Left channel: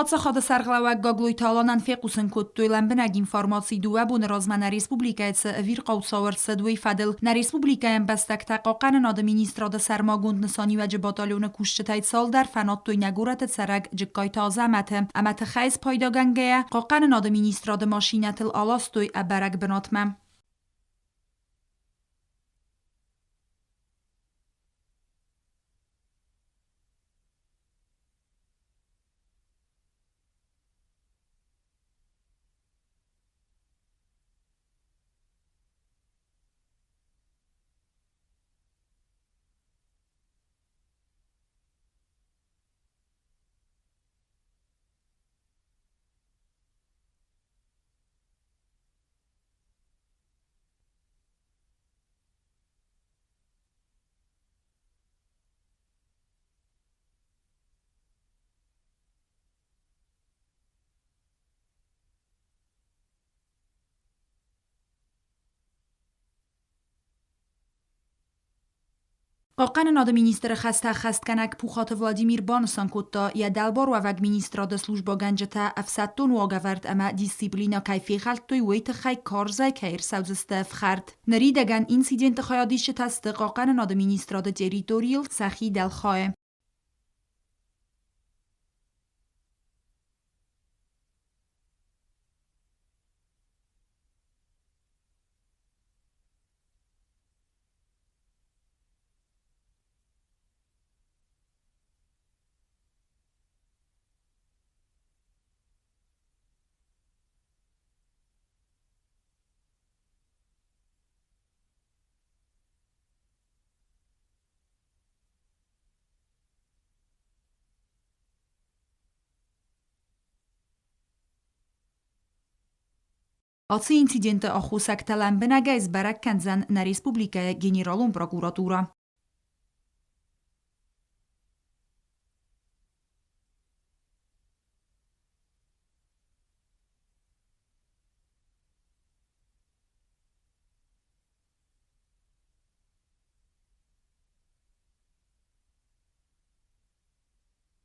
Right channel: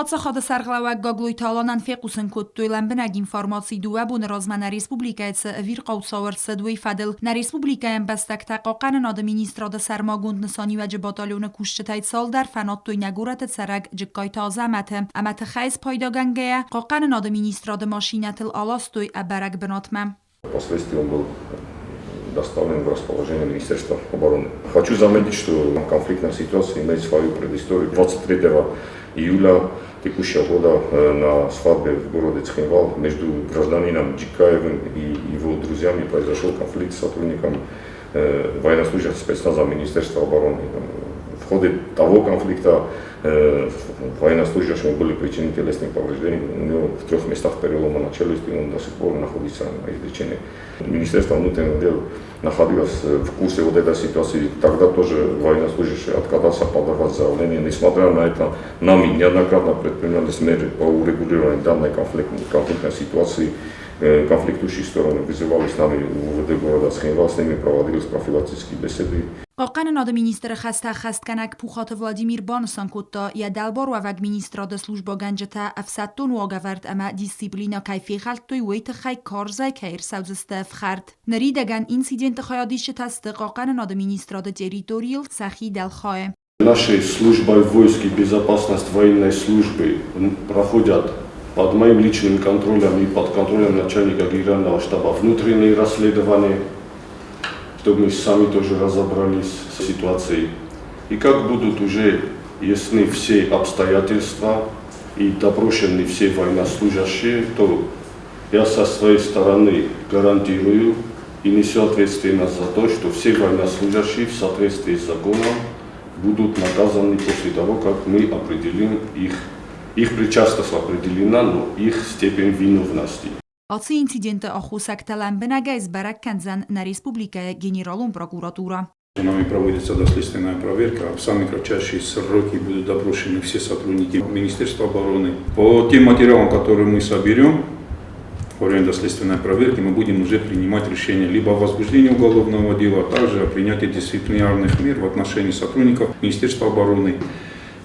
Падсахада сарғлауак гаглой таланан фекусын көттөйлен бінәг информации дуа бұны размана республикайцы вир қаусауырсы дуй фадыл на республикаен бәстәк тақақанын ады министрады сармагунд нысани вәжі батальоны кушчы тайцал дар фанат той нәгураты царак жыққай таза әмәті хайз пайдагангая қақанын ады министрады машинатыл аластой әбәрәк бінатмам. Впоследствии он был доставлен в расположение Министерства обороны. Хочу заметить, что конфликтная ситуация имеет свою предысторию. 23 июля текущего года на свадьбе в городе Цхинвал между гражданином Джикаевым и его друзьями произошел конфликт с сотрудником военнослужащих спецназа Министерства обороны. В ходе того конфликта военнослужащему были причинены телесные повреждения. У него в 3 местах перелома на челюсти, он до сих пор находится на излечении. Министерство внутренних дел находилось в курсе вот этой ситуации. Тогда тоже военнослужащий отказался подавать заявление. Несмотря на это, нами неоднократно предпринимались меры по урегулированию данной конфликтной ситуации. Конфликтующие стороны вызывали с нами в УВД города Цхинвал, с ними проводились профилактические беседы. قاقن ناد مینیستر خست کنک پوخات ولادیمیر بانسان کتا یا دلبار و وگ مینیستراد سلوجبا گنجتا افسدتون واگورد اما دیسیپلینا کیفی خلط توی ویت خی کارزای کهیر سوزستف خرد. نریدگن اینسیدنت خیادیش تست قاقن ناد مینیستراد تریتوریل سخی دلخواه. Нашей службой войск и безопасность военной службы проходят под моим личным контролем и под контролем начальника генерального штаба внутренние расследования, чтобы мы сами тоже разобрались с ситуацией. И как будут уже ясны все обстоятельства и допрошены все военнослужащие, то я со своей стороны гарантирую и несу ответственность за то, что все военнослужащие в соответствии с законом будут наказаны после того, как мы определим их причастность определена, но их степень виновности. Ați incidente ахусак талан бенагайз барак канзан на республика генералом прокуратура. Нами проводится доследственная проверка. В самые кратчайшие сроки будут допрошены все сотрудники Министерства обороны. По тем материалам, которые мы соберем во время доследственной проверки, мы будем уже принимать решение либо о возбуждении уголовного дела, а также о принятии дисциплинарных мер в отношении сотрудников Министерства обороны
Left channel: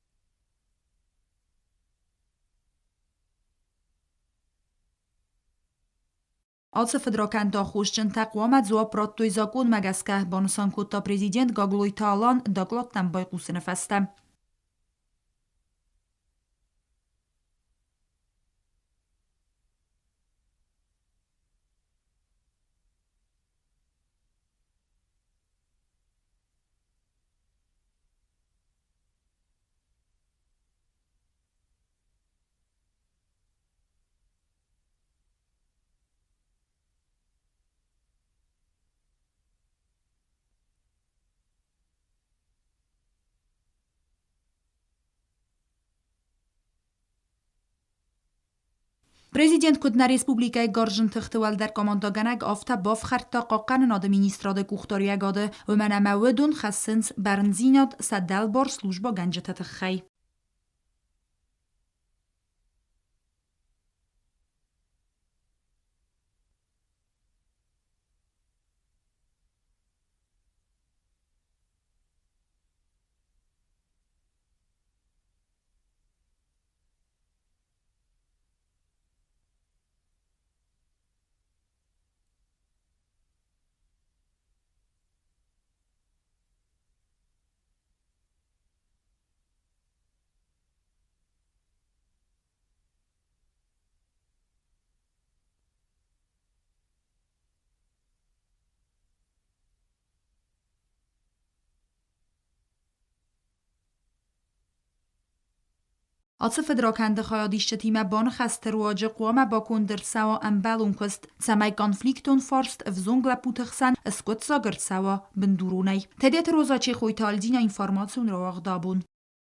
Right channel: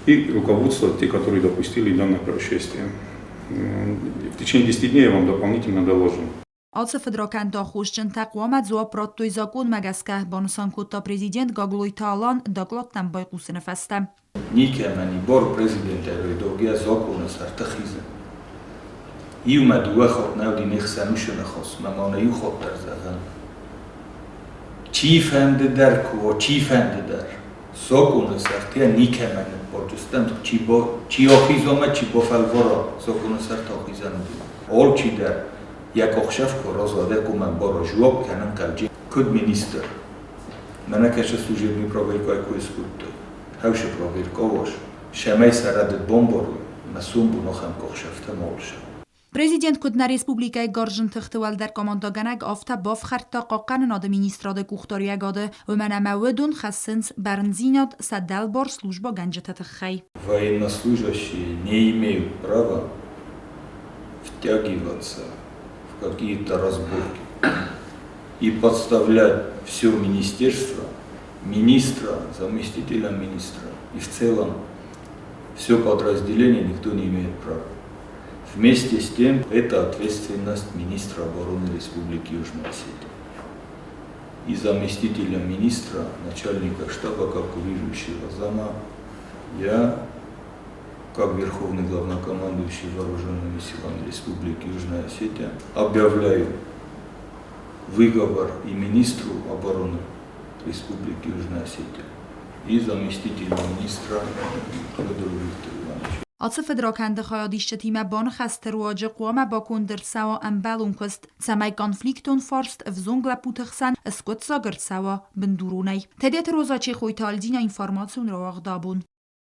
и руководства, те, которые допустили данное происшествие. В течение 10 дней я вам дополнительно доложу. Ați fedrokan da خوشجن تقوامت زوا پراتوی زاکون مگسکه بانسان کتا президент гаглой талан доклад бай قوسن فستم. Nike meni bor prezident erőidógia zakona sartachize. Iumed uachot nevdi nechszenusön achos, memane juchot terzezen. Csífende der kuva, csífende der. Zakona sartia nike meni borcstem, csi achizome, csi bofelvora zakona sartachizen. Olcsi der. یک اخشف که رازاده که من با رجوع کنم کلجی کد مینیستر من کش سوژه می پرویرکای کویس بود هوش پرویرکاوش شمای سرد بمباروی مسون بو نخم که اخشفته مالش Президент кудна республикай гаржын тыхтывал дар командоганак афта баф харта қаққан нады министрады кухтория гады өмәнәмә өдун хассынс барнзинат саддал бар служба ганжета тыххай. Военнослужащие не имеют права втягиваться какие-то разборки и подставлять все министерство, министра, заместителя министра и в целом все подразделение никто не имеет права. Вместе с тем, это ответственность министра обороны Республики Южная Осетия и заместителя министра, начальника штаба, как курирующего зама, я как Верховный главнокомандующий Вооруженными силами Республики Южная Осетия, объявляю выговор и министру обороны Республики Южная Осетия и заместителю министра Федору Виктору Ивановичу. Ați fedrakende khayadishte time ban khaste ruaje qwama bakun der sawa ambalun kust samay konfliktun forst vzungla putkhsan skot sagert sawa bendurunay tedet roza che khoytaldina informatsiun rawagdabun